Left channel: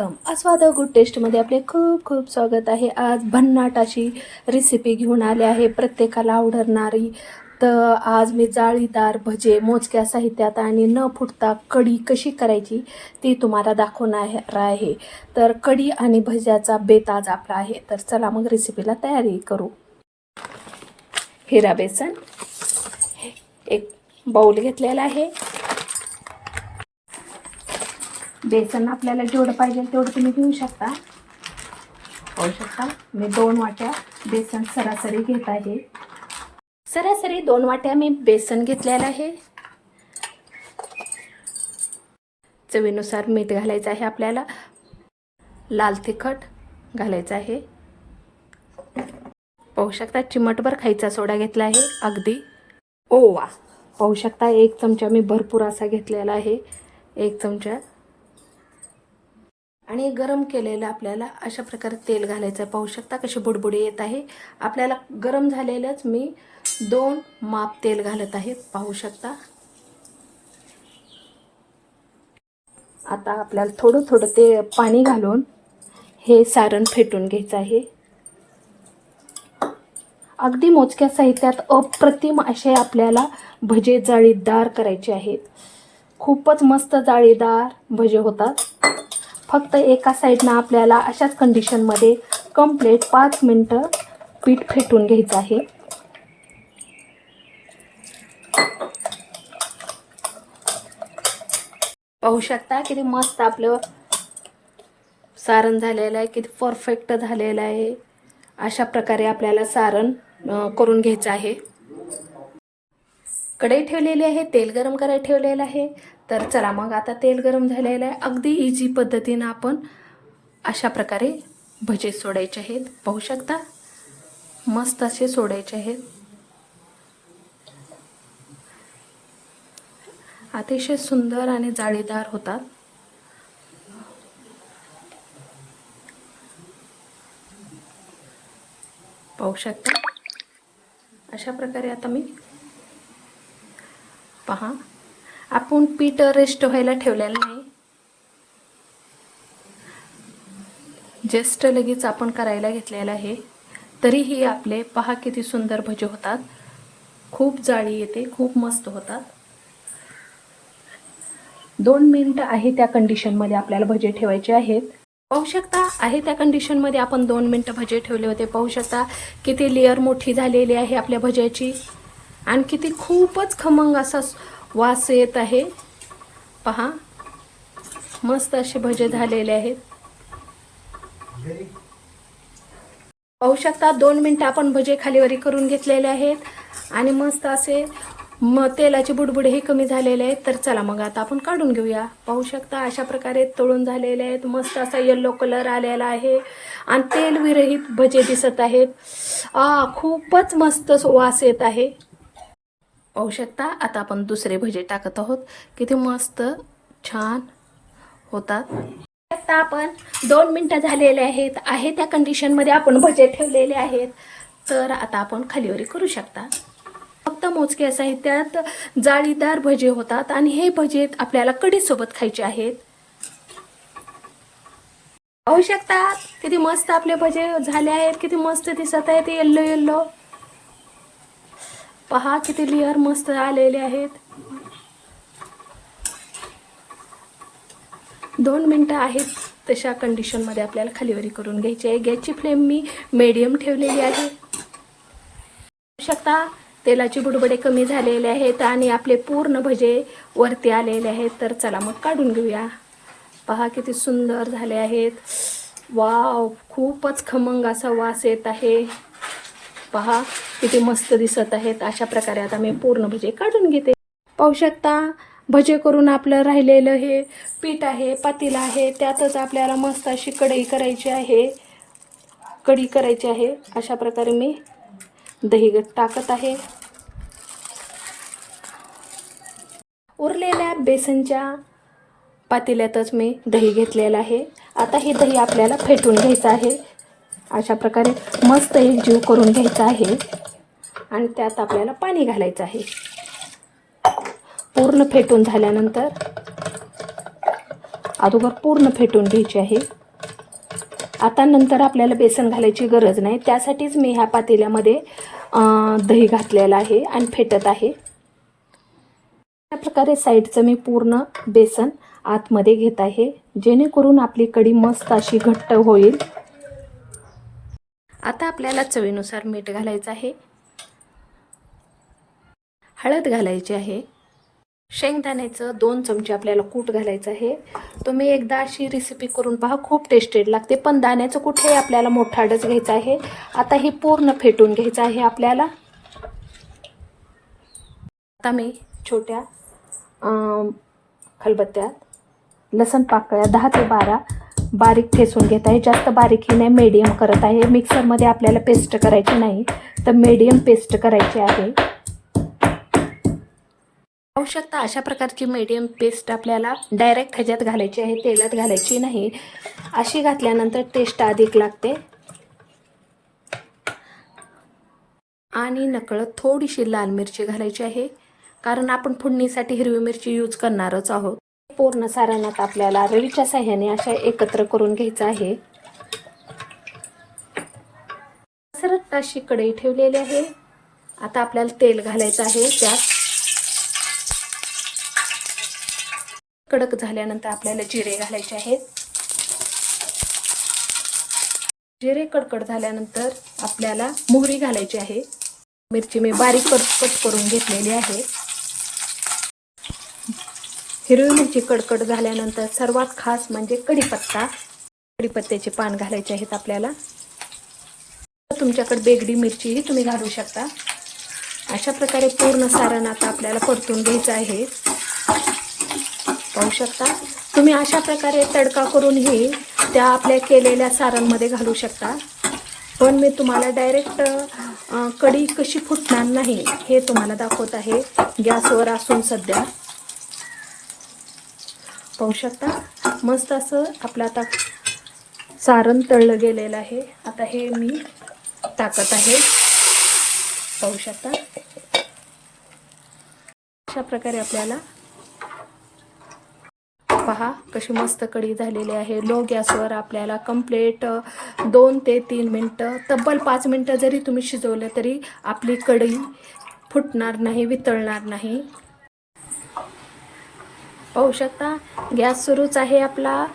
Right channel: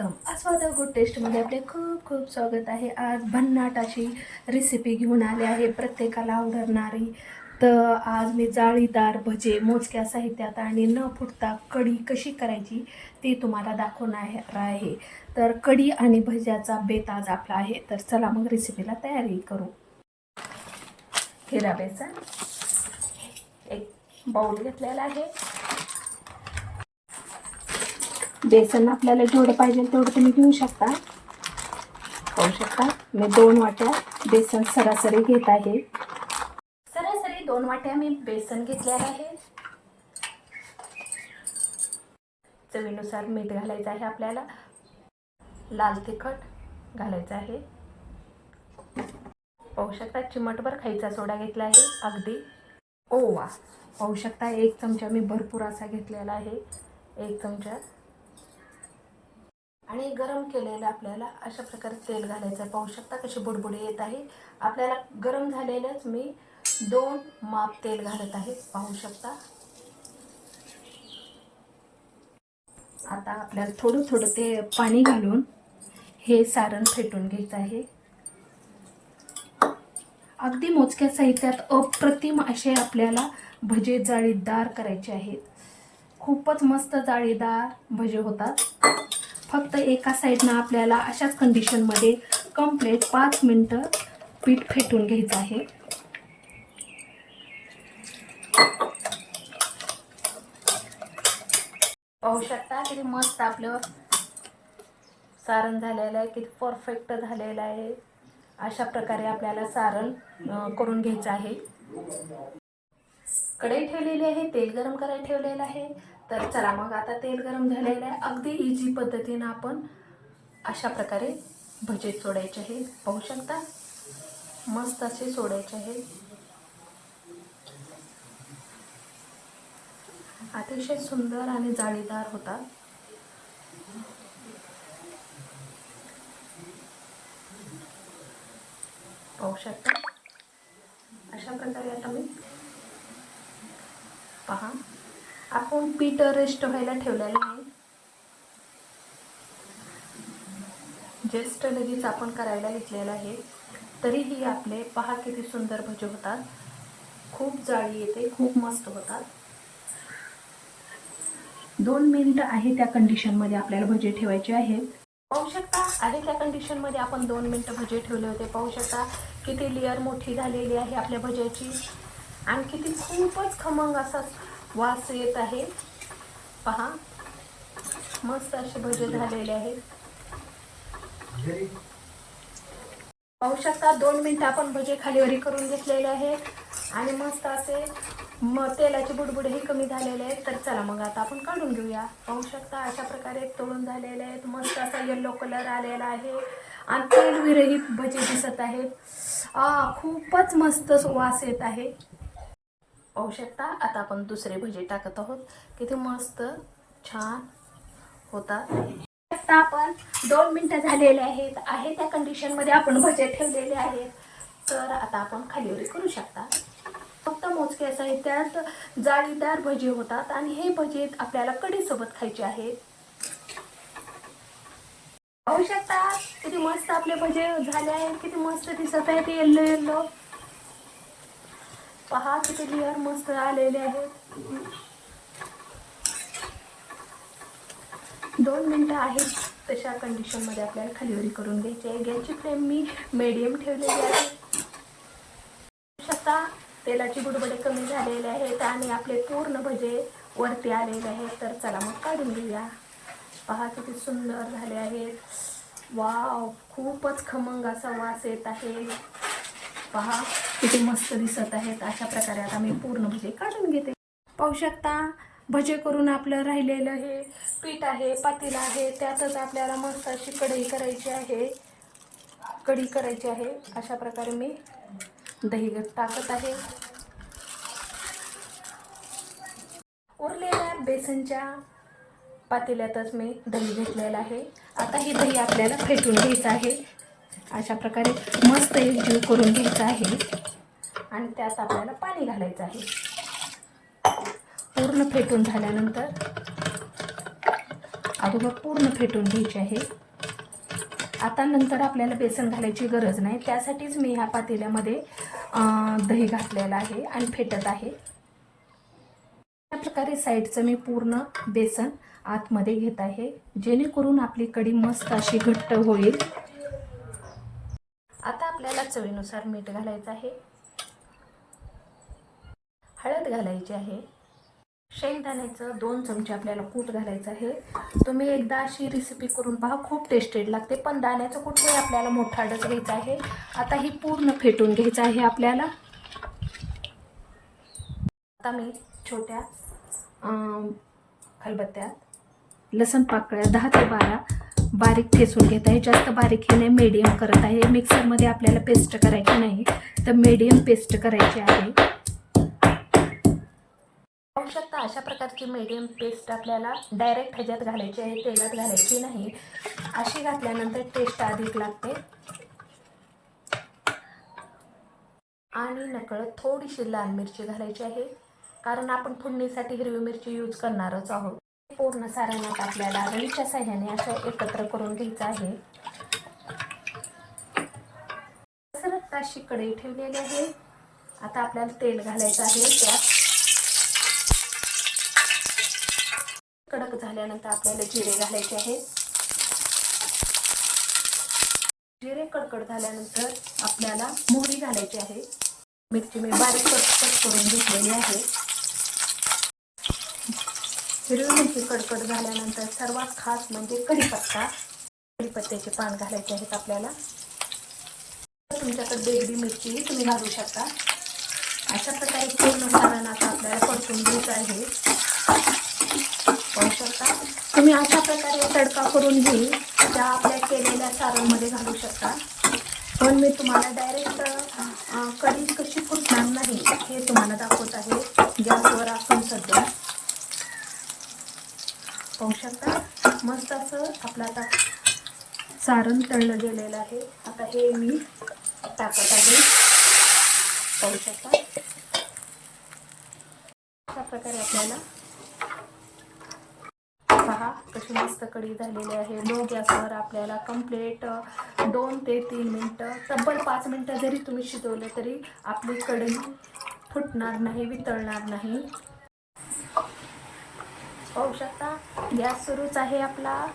Welcome. आस्वादा good टेस्टमध्ये आपले खूप खूप स्वागत आहे. आज भन्नाट अशी रेसिपी घेऊन आले आहे. प्रत्येकाला आवडणारी. तर आज मी जाळीदार भजे मोजक्या साहित्यात आणि न फुटता कढी कशी करायची ती तुम्हाला दाखवणार आहे. तर कढी आणि भज्याचा बेत आज आपला आहे. तर चला मग रेसिपीला तयारी करू. हिरा बेसन. एक बाऊल घेतलेला आहे. बेसन आपल्याला जेवढं पाहिजे तेवढं तुम्ही घेऊ शकता. पाहू शकता? मी दोन वाट्या बेसन सरासरी घेत आहे. सरासरी दोन वाट्या मी बेसन घेतलेलं आहे. चवीनुसार मीठ घालायचं आहे आपल्याला. लाल तिखट घालायचं आहे. पाहू शकता चिमटभर खायचा सोडा घेतला आहे अगदी. ओवा. पाहू शकता एक चमचा मी भरपूर असा घेतलेला आहे. एक चमचा आणि गरम केलेलं आपल्याला अशा प्रकारे तेल घालायचं आहे. पाहू शकता कशी बुडबुडी येत आहे. आपल्याला गरम झालेलंच मी दोन माप तेल घालत आहे. पाहू शकता. आता आपल्याला थोडं थोडं ते पाणी घालून हे सारण फेटून घ्यायचं आहे. अगदी मोजक्या साहित्यात अप्रतिम असे आपल्याला भजे जाळीदार करायचे आहेत. खूपच मस्त जाळीदार भजे होतात. फक्त एका साईडनं आपल्याला अशाच कंडिशनमध्ये कंप्लीट पाच मिनटं पीठ फेटून घ्यायचं आहे. पाहू शकता किती मस्त आपलं सारण झालेलं आहे किती परफेक्ट झालेलं आहे. अशा प्रकारे आपल्याला सारण करून घ्यायचं आहे. कढई ठेवलेली आहे तेल गरम करायला ठेवलेलं आहे. तर चला मग आता तेल गरम झालेलं आहे. अगदी इझी पद्धतीनं आपण अशा प्रकारे भजे सोडायचे आहेत. पाहू शकता? मस्त असे सोडायचे आहेत. अतिशय सुंदर आणि जाळीदार होतात. पाहू शकता? अशा प्रकारे आता मी पहा. आपण पीठ रेस्ट व्हायला ठेवलेलं नाही जस्ट लगेच आपण करायला घेतलेलं आहे. तरीही आपले पहा किती सुंदर भजे होतात. खूप जाळी येते खूप मस्त होतात. दोन मिनिटं आहे त्या कंडिशनमध्ये आपल्याला भजे ठेवायचे आहेत. पाहू शकता आहे त्या कंडिशनमध्ये आपण दोन मिनटं भजे ठेवले होते. पाहू शकता किती लेअर मोठी झालेली आहे आपल्या भज्याची. आणि किती खूपच खमंग असा वास येत आहे. पहा मस्त असे भजे झालेले आहेत. पाहू शकता दोन मिनटं आपण भजे खालीवरी करून घेतलेले आहेत. आणि मस्त असे म तेलाचे बुडबुडे हे कमी झालेले आहेत. तर चला मग आता आपण काढून घेऊया. पाहू शकता अशा प्रकारे तळून झालेले आहेत. मस्त असा येल्लो कलर आलेला आहे. आणि तेल विरहित भजे दिसत आहेत. आ खूपच मस्त वास येत आहे. पाहू शकता आता आपण दुसरे भजे टाकत आहोत. किती मस्त छान होतात. आता आपण दोन मिनटं झालेले आहेत. आहे त्या कंडिशनमध्ये आपण भजे ठेवलेले आहेत. तर आता आपण खालीवरी करू शकता. फक्त मोजके साहित्यात जाळीदार भजे होतात आणि हे भजे आपल्याला कडीसोबत खायचे आहेत. पाहू शकता किती मस्त आपले भजे झाले आहेत. किती मस्त दिसत आहेत. Yellow yellow. पहा किती लेअर मस्त आलेले आहेत. दोन मिनटं आहेत तशा कंडिशनमध्ये आपल्याला खालीवरी करून घ्यायची आहे. गॅसची फ्लेम मी मीडियम ठेवलेली आहे. शकता तेलाची बुडबडे कमी झालेले आहेत आणि आपले पूर्ण भजे वरती आलेले आहेत. तर चला मग काढून घेऊया. पहा किती सुंदर झाले आहेत. वाव खूपच खमंग असा वास येत आहे. पहा किती मस्त दिसत आहेत. अशा प्रकारे आता मी पूर्ण भजे काढून घेते. पाहू शकता भजे करून आपलं राहिलेलं हे पीठ आहे पातीला आहे. त्यातच आपल्याला मस्त अशी कढई करायची आहे. कढी करायची आहे. अशा प्रकारे मी दही टाकत आहे. उरलेल्या बेसनच्या पातेल्यातच मी दही घेतलेलं आहे. आता हे दही आपल्याला फेटून घ्यायचं आहे. अशा प्रकारे मस्त एक जीव करून घ्यायचा आहे. आणि त्यात आपल्याला पाणी घालायचं आहे. पूर्ण फेटून झाल्यानंतर अगोदर पूर्ण फेटून घ्यायची आहे. आता नंतर आपल्याला बेसन घालायची गरज नाही. त्यासाठीच मी ह्या पातेल्यामध्ये दही घातलेलं आहे आणि फेटत आहे. अशा प्रकारे साईडचं मी पूर्ण बेसन आतमध्ये घेत आहे. जेणेकरून आपली कढी मस्त अशी घट्ट होईल. आता आपल्याला चवीनुसार मीठ घालायचं आहे. हळद घालायची आहे. शेंगदाण्याचं दोन चमचे आपल्याला कूट घालायचं आहे. तुम्ही एकदा अशी रेसिपी करून पहा खूप टेस्टेड लागते. पण दाण्याचं कूट हे आपल्याला मोठाडच घ्यायचं आहे. आता हे पूर्ण फेटून घ्यायचं आहे आपल्याला. आता मी छोट्या खलबत्त्यात लसण पाकळ्या दहा ते बारा बारीक ठेसून घेत आहे. जास्त बारीक हे नाही मीडियम करत आहे. मिक्सरमध्ये आपल्याला पेस्ट करायची नाही. तर मीडियम पेस्ट करायची आहे. पाहू शकता अशा प्रकारची मीडियम पेस्ट आपल्याला डायरेक्ट ह्याच्यात घालायची आहे. तेलात घालायची नाही. अशी घातल्यानंतर टेस्ट अधिक लागते. आणि नकळत थोडीशी लाल मिरची घालायची आहे. कारण आपण फोडणीसाठी हिरवी मिरची यूज करणारच आहोत. पूर्ण सारांनात आपल्याला रवीच्या साह्याने अशा एकत्र करून घ्यायचं आहे. सरत अशी कढई ठेवलेली आहे. आता आपल्याला तेल घालायचं आहे त्यात. कडक झाल्यानंतर आपल्याला जिरे घालायचे आहेत. जिरे कडकड झाल्यानंतर आपल्याला मोहरी घालायची आहे. मिरची मी बारीक कट कट करून घेतलेली आहे. हिरवी मिरची कडकड झाल्यानंतर सर्वात खास म्हणजे कढीपत्ता. कढीपत्त्याचे पान घालायचे आहेत आपल्याला. तुमच्याकडे बेगडी मिरचीही तुम्ही घालू शकता. अशा प्रकारे पूर्ण सारण आता आपल्याला परतून घ्यायचं आहे. पाहू शकता. तुम्ही अशा प्रकारे तडका करूनही त्या आपल्या केलेल्या सारांमध्ये घालू शकता. पण मी तुम्हाला डायरेक्ट कढी कशी फुटणार नाही हे तुम्हाला दाखवत आहे. गॅसवर असून सध्या. पाहू शकता. मस्त असं आपलं आता सारण तळलं गेलेलं आहे. आता हे मी टाकत आहे. पाहू शकता. अशा प्रकारे आपल्याला पहा कशी मस्त कढी झालेली आहे. लो गॅसवर आपल्याला कंप्लेट दोन ते तीन मिनटं तब्बल पाच मिनटं जरी तुम्ही शिजवलं तरी आपली कढी फुटणार नाही वितळणार नाही. पाहू शकता गॅस सुरूच आहे आपला.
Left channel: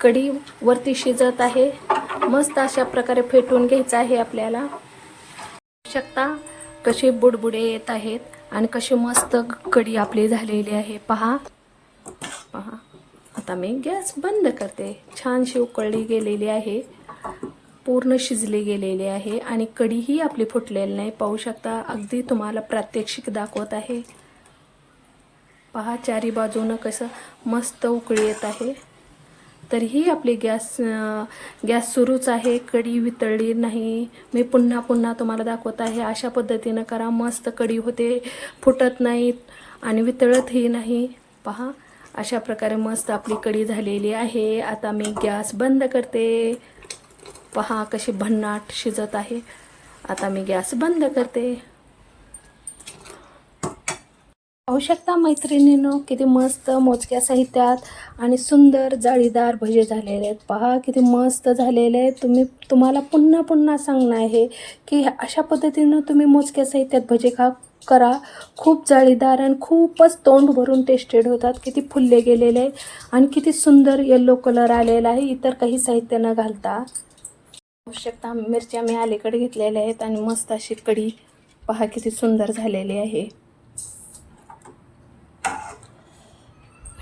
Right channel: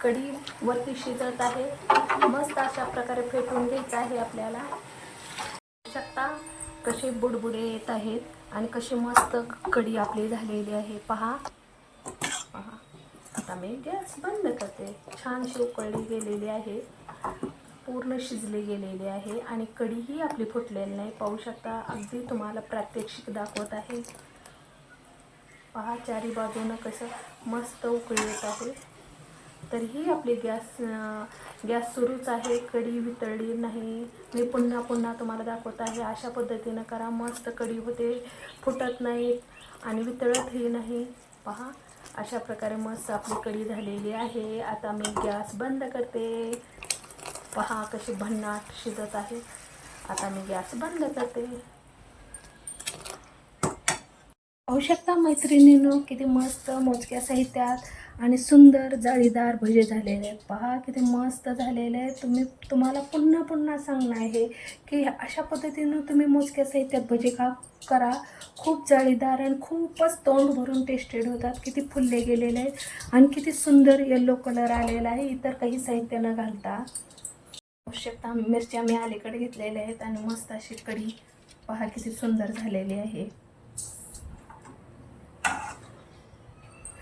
कढी वरती शिजत आहे. मस्त अशा प्रकारे फेटून घ्यायचं आहे आपल्याला. पाहू शकता कसे बुडबुडे येत आहेत आणि कशी मस्त कढी आपली झालेली आहे. पहा. पहा. आता मी गॅस बंद करते. छानशी उकळली गेलेली आहे. पूर्ण शिजली गेलेली आहे आणि कढीही आपली फुटलेली नाही. पाहू शकता अगदी तुम्हाला प्रात्यक्षिक दाखवत आहे. पहा चारी बाजूनं कसं मस्त उकळी येत आहे. तरीही आपली गॅस गॅस सुरूच आहे. कढी वितळली नाही. मी पुन्हा पुन्हा तुम्हाला दाखवत आहे. अशा पद्धतीनं करा. मस्त कढी होते. फुटत नाहीत आणि वितळतही नाही. पहा अशा प्रकारे मस्त आपली कढी झालेली आहे. आता मी गॅस बंद करते. पहा कशी भन्नाट शिजत आहे. आता मी गॅस बंद करते. पाहू शकता मैत्रिणीनो किती मस्त मोजक्या साहित्यात आणि सुंदर जाळीदार भजे झालेले आहेत. पहा किती मस्त झालेले आहेत. तुम्ही तुम्हाला पुन्हा पुन्हा सांगणं आहे की अशा पद्धतीनं तुम्ही मोजक्या साहित्यात भजे खा करा. खूप जाळीदार आणि खूपच तोंड भरून टेस्टेड होतात. किती फुलले गेलेले आहेत आणि किती सुंदर येल्लो कलर आलेला आहे. इतर काही साहित्य न घालता. पाहू शकता मिरच्या मी अलीकडे घेतलेल्या आहेत आणि मस्त अशी कढी. पहा किती सुंदर झालेली आहे.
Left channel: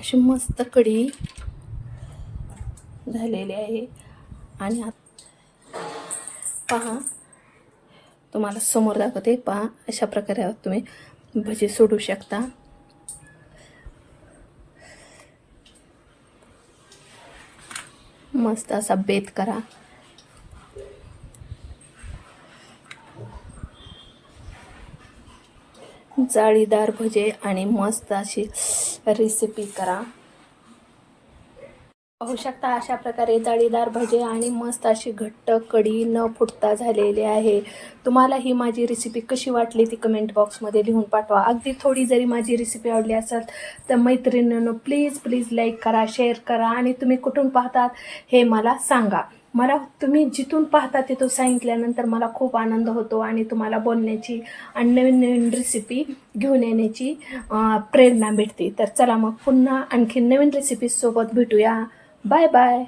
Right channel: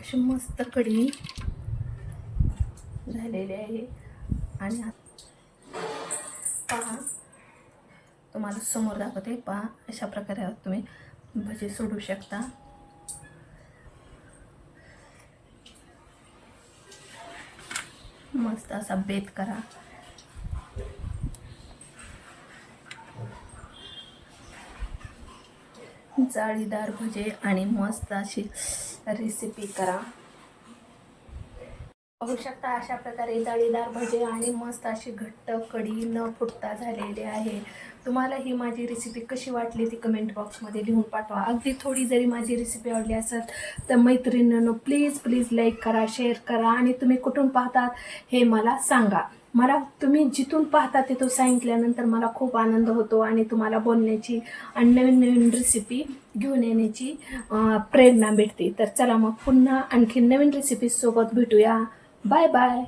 अशी मस्त कढी झालेली आहे. आणि पहा तुम्हाला समोर दाखवते पहा अशा प्रकारे तुम्ही. भजी सोडू शकता. मस्त असा बेत करा. जाळीदार भजे आणि मस्त अशी रेसिपी करा. पाहू शकता अशा प्रकारे जाळीदार भजे आणि मस्त अशी घट्ट कडी न फुटता झालेली आहे. तुम्हाला ही माझी रेसिपी कशी वाटली ती कमेंट बॉक्समध्ये लिहून पाठवा. अगदी थोडी जरी माझी रेसिपी आवडली असेल तर मैत्रिणींनो प्लीज प्लीज लाईक करा शेअर करा आणि तुम्ही कुठून पाहतात हे मला सांगा. मला तुम्ही जिथून पाहता तिथून सांगितल्यानंतर मला खूप आनंद होतो आणि तुम्हाला बोलण्याची आणि नवीन नवीन रेसिपी घेऊन येण्याची प्रेरणा भेटते. तर चला मग पुन्हा आणखी नवीन रेसिपीसोबत भेटूया. Bye bye